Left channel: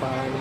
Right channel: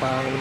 Palu.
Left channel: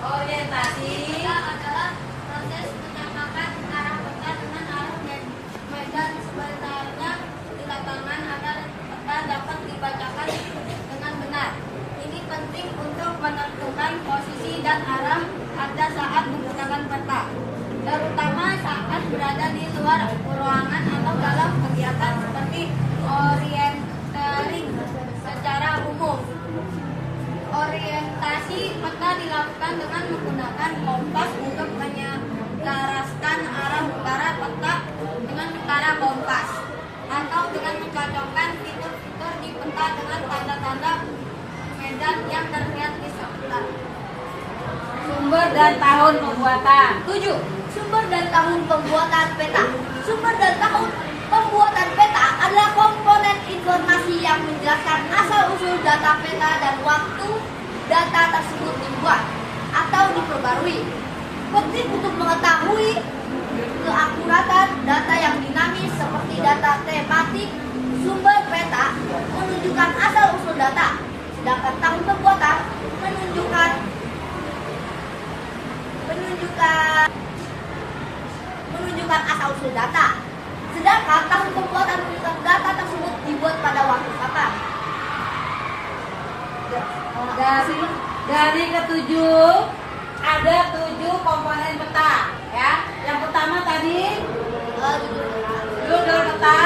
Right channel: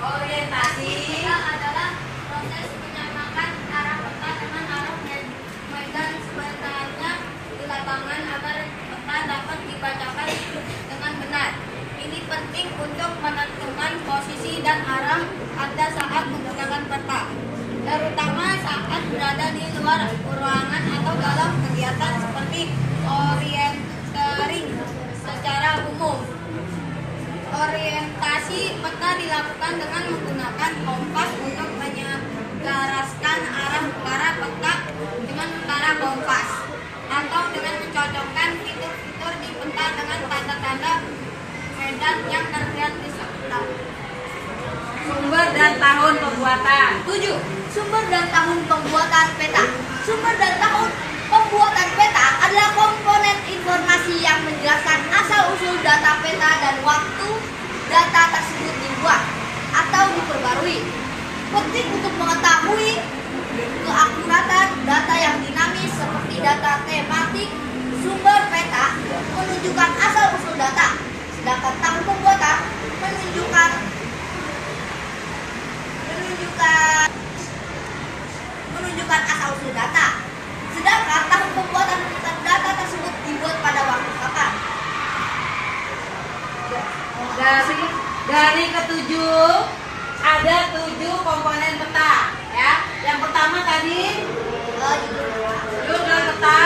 Orientasi adalah proses menyamakan arah peta dengan arah medan sebenarnya di lapangan agar peta dapat dibacakan dengan benar. Ini penting untuk menentukan posisi dan arah Anda saat menggunakan peta, terutama saat berada di luar ruangan atau dalam kegiatan seperti orientering secara umum. Orientasi peta dilakukan dengan menggunakan kompas untuk menyelaraskan arah utara peta dengan utara kompas, atau dengan mencocokkan fitur-fitur di peta dengan tanda-tanda medan yang terlihat di sebelah. Sumber dan tahun pembuatan. 7. Sumber dan tahun pembuatan peta. Sumber dan tahun pembuatan peta adalah komponen informasi yang menjelaskan asal-usul data peta dan waktu data tersebut dibuat atau diperbarui. Penting untuk mengetahui keakuratan data yang dinamis seperti data tematik. Sumber peta menunjukkan asal-usul data, sedangkan tahun pembuatan menunjukkan asal-usul data. Sedangkan tahun pembuatan menunjukkan data tersebut dibuat pada waktu kapan. Dari ketujuh ada 7 komponen peta, ya. Yang pertama tadi judul peta,